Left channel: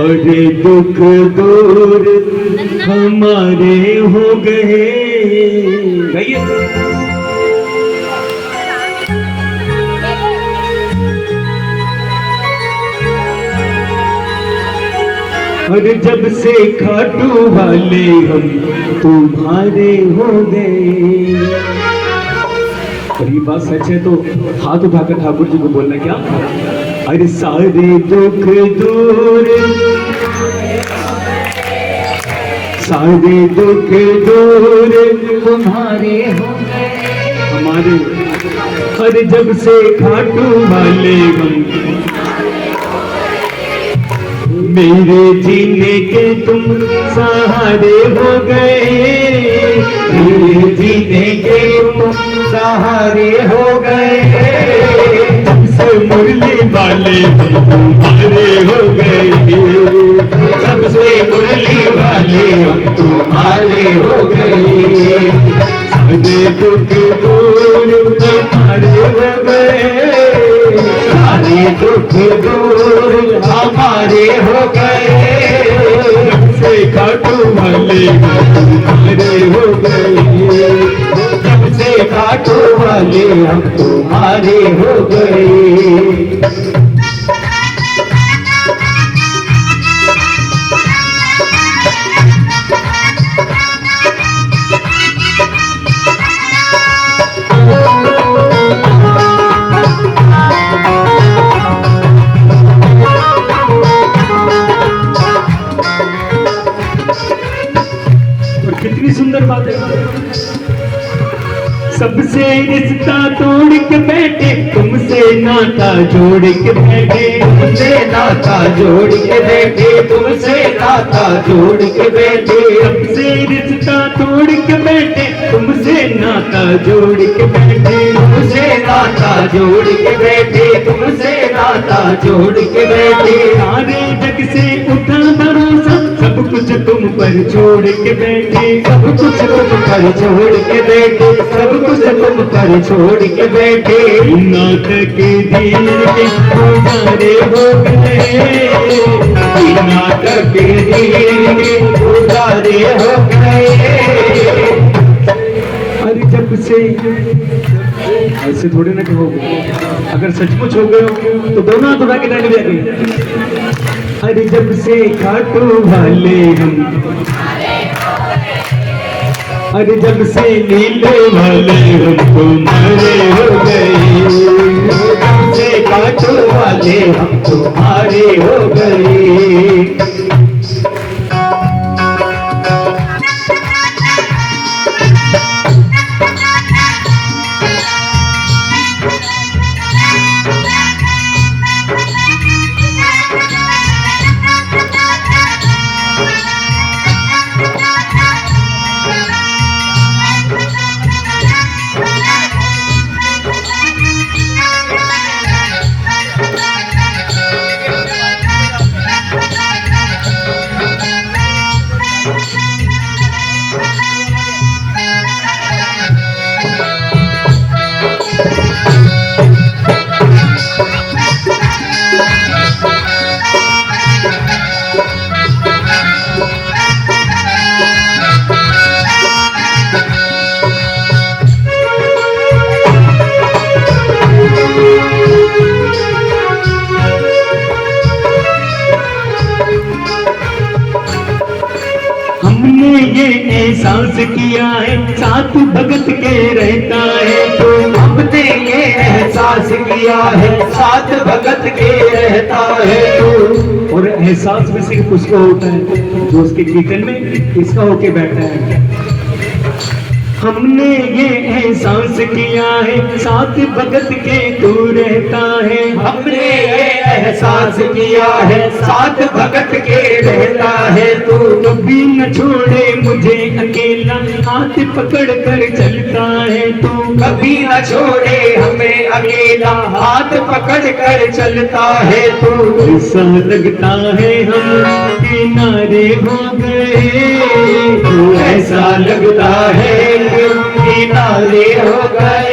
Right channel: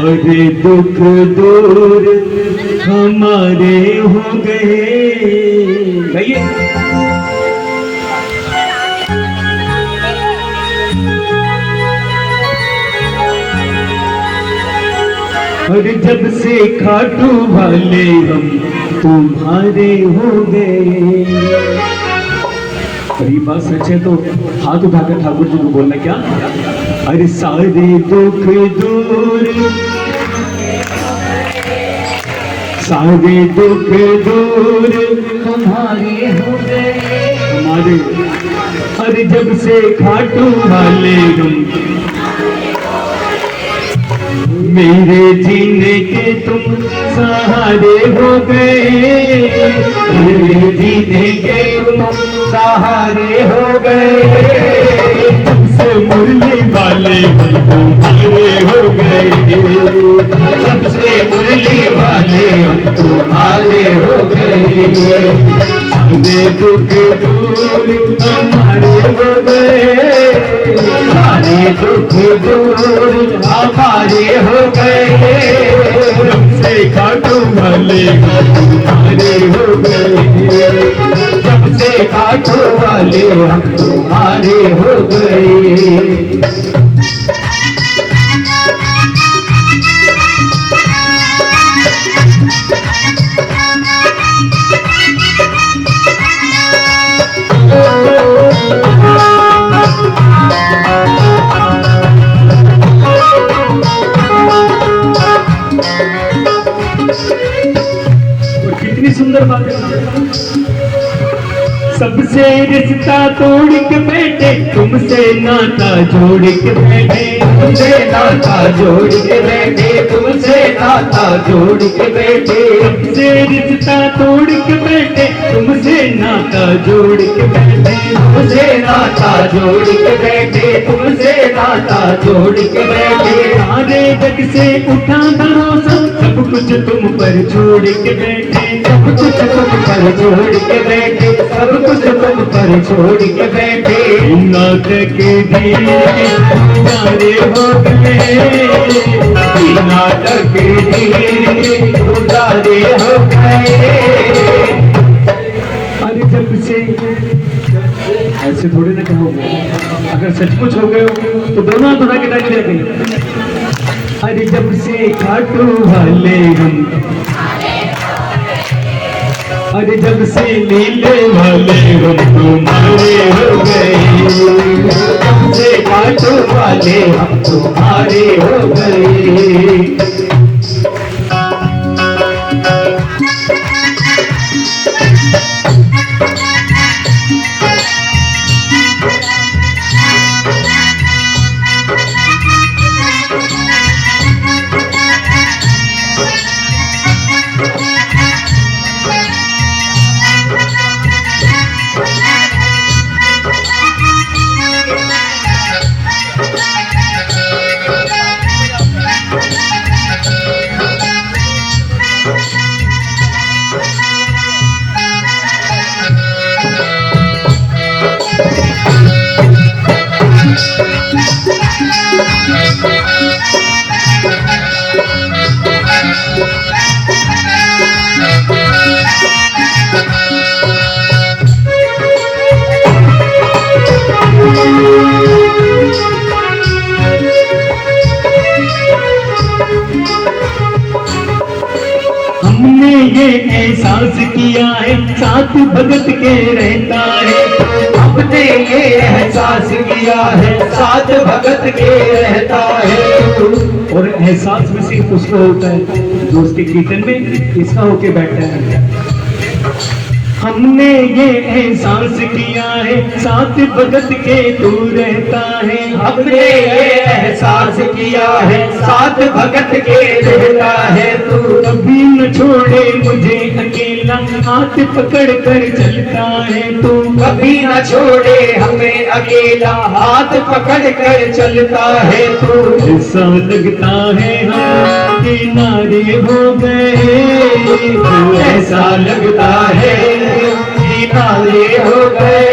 सारे दुख दूर हमारे हो गए। गाइए। और जब से खाटू वाले हम तुम्हारे हो गए। और ये बात सच है तो हाथ उठाकर ठाकुर जी को बोलना क्या? अरे सारे दुख दूर, सारे दुख दूर तुम्हारे हो गए। हमारे। अरे जब से खाटू वाले हम मेरे जीने के तुम सहारे हो गए। मेरे जीने के तुम सहारे हो गए। सबसे मुरली वाले तुम्हारे हो गए। सबसे मुरली वाले तुम्हारे हो गए। सारे दुख दूर हमारे हो गए। सारे दुख दूर हमारे हो गए। सबसे खाटू वाले तुम्हारे हो गए। सबसे खाटू वाले हम तुम्हारे हो गए। कितनी सुंदर बात है। सबसे रिश्ता तोड़ के बैठे, तुमसे नाता जोड़ के बैठे। तुमसे नाता जोड़ के बैठे। तुमसे नाता जोड़ के बैठे। सबसे रिश्ता तोड़ के बैठे, तुमसे नाता जोड़ के बैठे। तुमसे नाता जोड़ के बैठे। तुमसे नाता जोड़ के बैठे। सारे जग से उठा भरोसा, सब कुछ तुम पर छोड़ के बैठे। सब कुछ तुम पर छोड़ के बैठे। सब कुछ तुम पर छोड़ के बैठे। नाटक दिए तुम्हारे हो गए। नाटक दिए तुम्हारे हो गए। अरे जब से ऐसे थोड़े ना कहोगे, अगर सचमुच हो गए हो तो दोनों हाथ उठा के ताली बजाएंगे। अरे जब से खाटू वाले हम, अरे जब से नीले वाले हम तुम्हारे हो गए। जब से खाटू वाले हम तुम्हारे हो गए। हमने ये एहसास किया है, साथ भगत के रहता है। तो हमने ये एहसास किया है, साथ भगत के रहता है। तो और एहसास में सिर्फ उसको होता है जो उसके कीर्तन में इसका होके बैठा है। हमने ये एहसास किया है, साथ भगत के तू रहता है। हमने ये एहसास किया है, साथ भगत के रहता है। तू कभी न छोड़े मुझे अकेला, हाथ पकड़ कर चलता है। तू कभी न छोड़े हमें अकेला, हाथ पकड़ कर चलता है। तू ऐसा लगता है हम किनारे हो गए। तो ऐसा लगता है किनारे हो गए।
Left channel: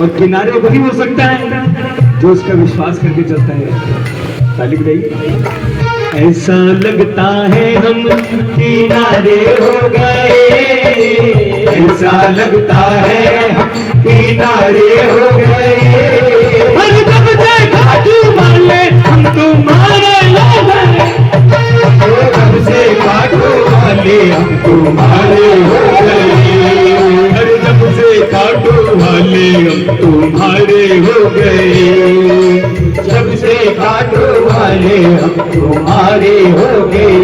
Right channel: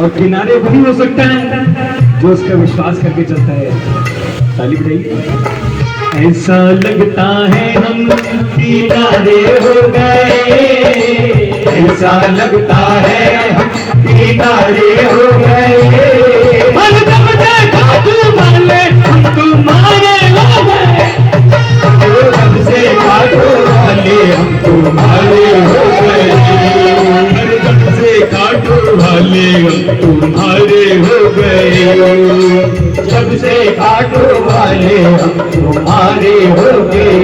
और किनारे वही हो सकता है जो उसका विश्वास करके चलता है। ताली बजाइए। ऐसा लगता है हम किनारे हो गए, ऐसा लगता है हम किनारे हो गए। हर दम देखा तुम्हारे हम तुम्हारे हो गए, दम से काटो वाले हम तुम्हारे हो गए, हर दम से काटो वाले हम तुम्हारे हो गए, जब से काटो वाले हम तुम्हारे हो गए।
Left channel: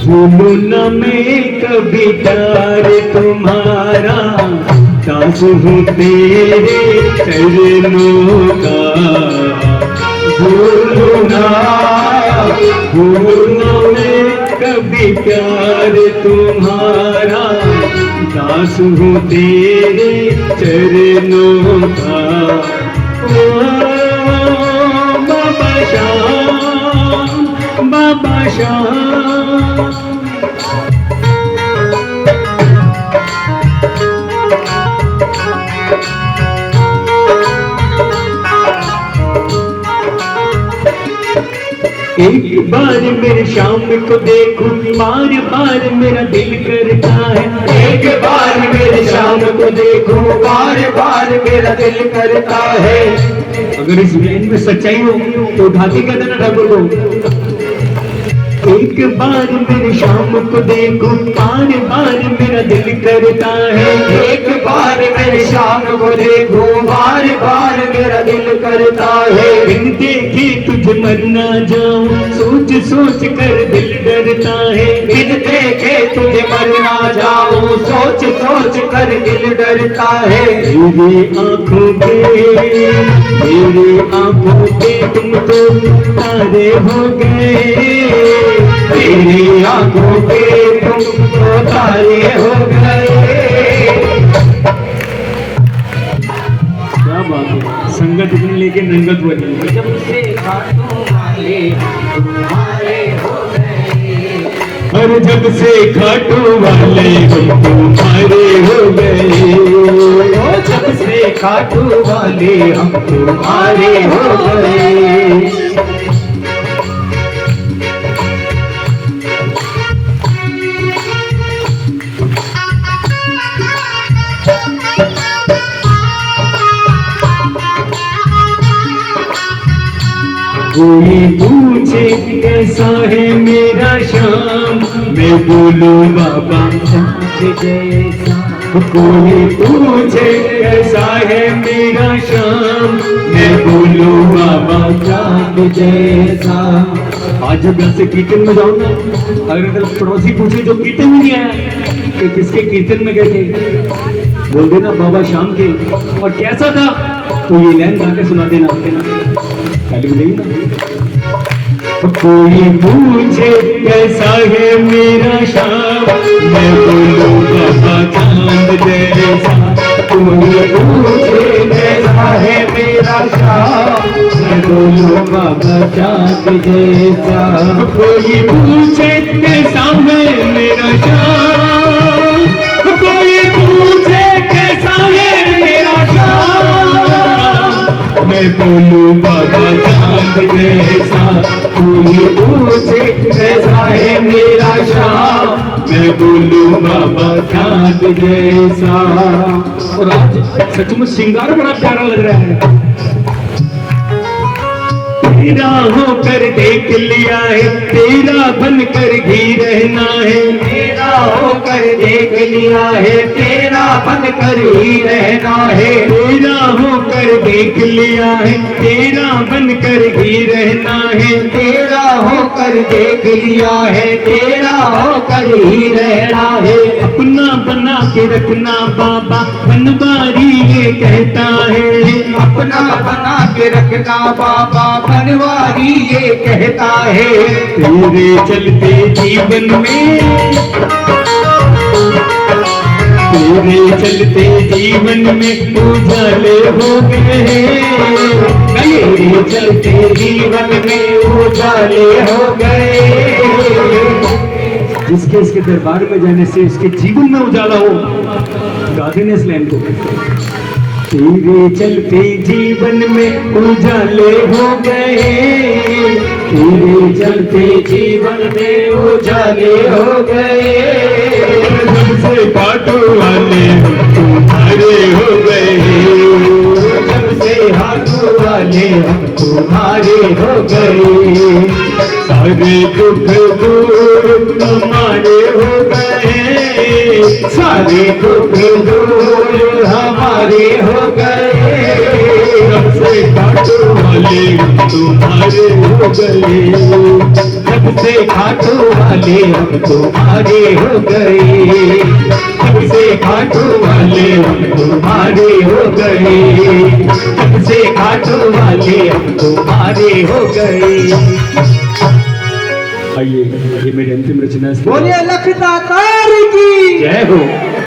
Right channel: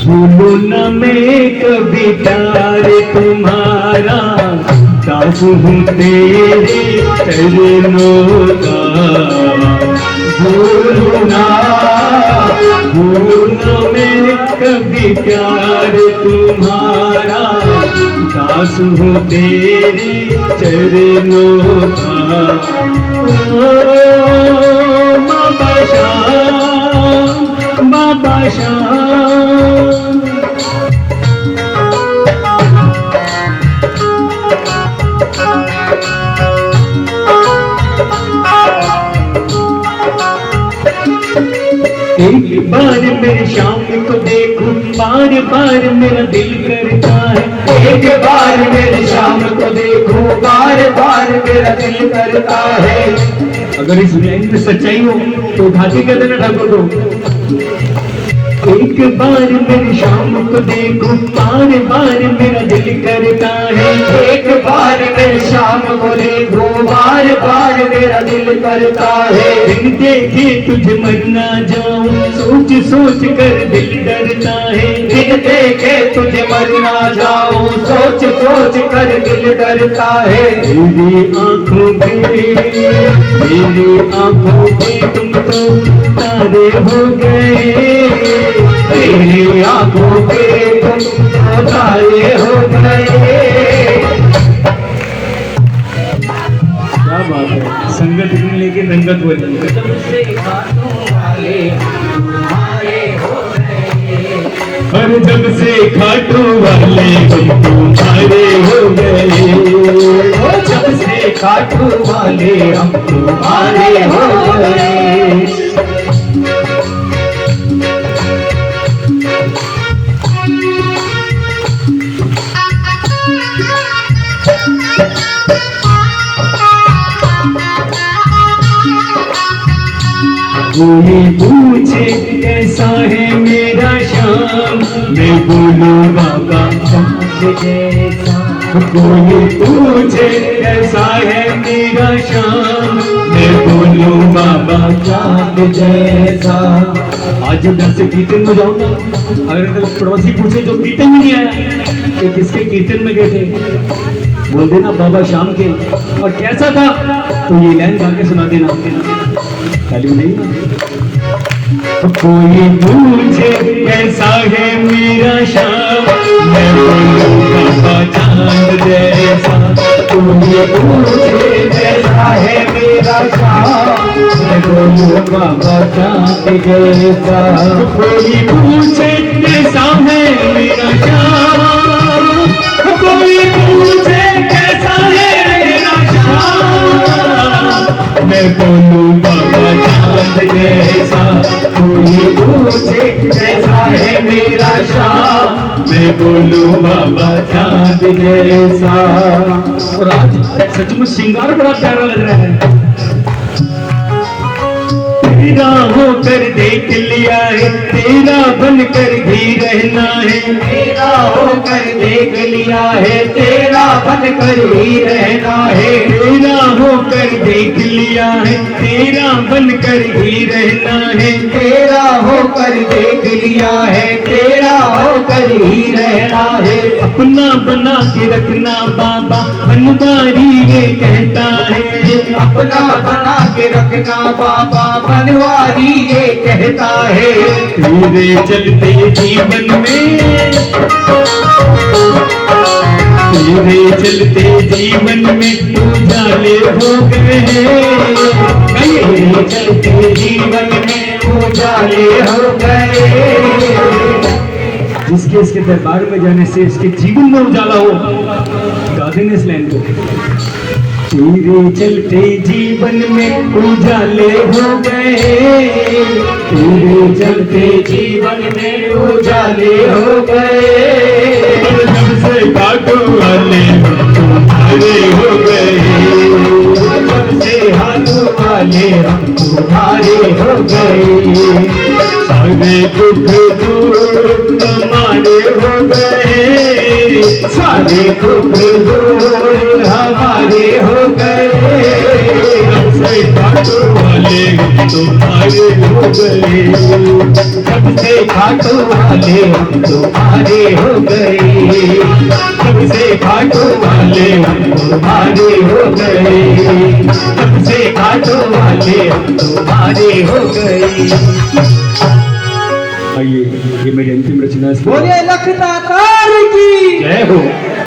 भूलू ना मैं कभी प्यार तुम्हारा, दास हूँ तेरे चरणों का। भूलू ना मैं कभी प्यार तुम्हारा, दास हूँ तेरे चरणों का। बाबा श्याम, बाबा श्याम। एक बार मेरे श्याम को देखूं, बार बार मेरा दिल करता है। एक बार मेरे श्याम को देखूं, बार बार मेरा दिल करता है। अगर इस लाइन में सच्चाई हो तो उठाती कहते ना ठाकुर को। एक बार मेरे श्याम को देखूं, बार बार मेरा दिल करता है। एक बार मेरे श्याम को देखूं, बार बार मेरा दिल करता है। बिन देखे तुझे मर ना जाऊं, सोच सोच कर दिल डरता है। बिन देखे तुझे मर ना जाऊं, सोच सोच कर दिल डरता है। मेरी आंखों पे तुम तो तारे हो गए, तेरी आंखों पे तुम तो तारे हो गए। क्या बात है, संगत इतनी लेके रंगत बनी। और जब से खाटू वाले हम तुम्हारे हो गए, जब से खाटू वाले हम तुम्हारे हो गए। कोई पूछे कैसा है मेरा श्याम, मैं बोलूं बाबा चाँद जैसा। कोई पूछे कैसा है मेरा श्याम, मैं बोलूं बाबा चाँद जैसा। आज घर से कीर्तन में जाऊँ ना, अगर कल पड़ोसी पूछे जो कीर्तन में नहीं आया कि किसके कीर्तन में गए थे, बोल देना बाबा श्याम के। और कैसा था तो ये लाइन गा के सुना देना। कोई पूछे कैसा है मेरा श्याम, मैं बोलूं बाबा चाँद जैसा। कोई पूछे कैसा है मेरा श्याम, मैं बोलूं बाबा चाँद जैसा। कोई पूछे कैसा है मेरा श्याम, कोई पूछे कैसा है मेरा श्याम, मैं बोलूं बाबा चाँद जैसा। कोई पूछे कैसा है मेरा श्याम, मैं बोलूं बाबा चाँद जैसा। और आज सचमुच श्रृंगार बड़ा प्यारा लग रहा है। तेरा होकर देख लिया है, तेरा बनकर ही रहना है। तेरा होकर देख लिया है, तेरा बनकर ही रहना है। तेरा होकर देख लिया है, तेरा बनकर ही रहना है। तेरा होकर देख लिया है, तेरा होकर ही रहना है। अपना बना के रखना बाबा बनवारी ये कहता है। अपना बना के रखना बाबा बनवारी ये कहता है। तेरे चलते जीवन में तेरे चलते जीवन में उजाले हो गए, तेरे चलते जीवन में उजाले हो गए। जिसके इसके दरबार में जाने से इसके जीवन में उजाला हो, गा देने इस लाइन को। तेरे चलते जीवन में उजाले हो गए, तेरे चलते जीवन में उजाले हो गए। सबसे काटो वाले हम तुम्हारे हो गए, सबसे हाथों वाले हम तुम्हारे हो गए। सारे दुख दूर हमारे हो गए, सारे दुख दूर हमारे हो गए। सबसे काटो वाले हम तुम्हारे हो गए, सबसे खाटो वाले हम तुम्हारे हो गए, सबसे खाटो वाले हम तुम्हारे हो गए, सबसे खाटो वाले हम तुम्हारे हो गए। आइए, ये मेरी अंतिम रचना है। बोले लखदातार की जय हो।